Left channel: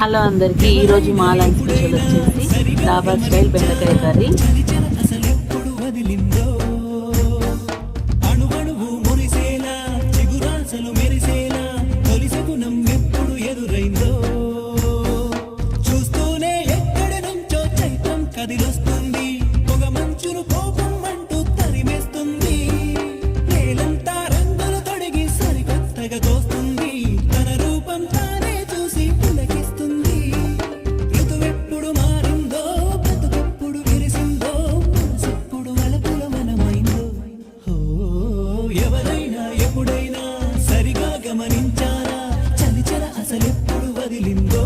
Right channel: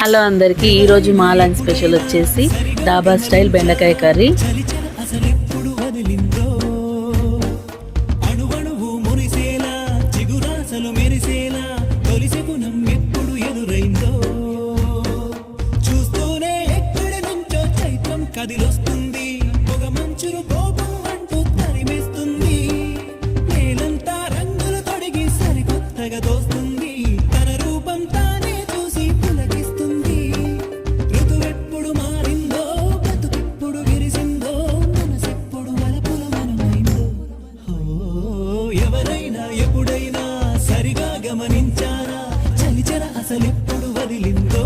Hello అందరికీ, ఈరోజు మా లంచ్ స్పెషల్ వచ్చేసి డాబా స్టైల్ బెండకాయ కర్రీ. ఎవరైనా ఎప్పుడైనా సరిగా గమనించారా చలిచర అసలెప్పుడు వదిలిందో.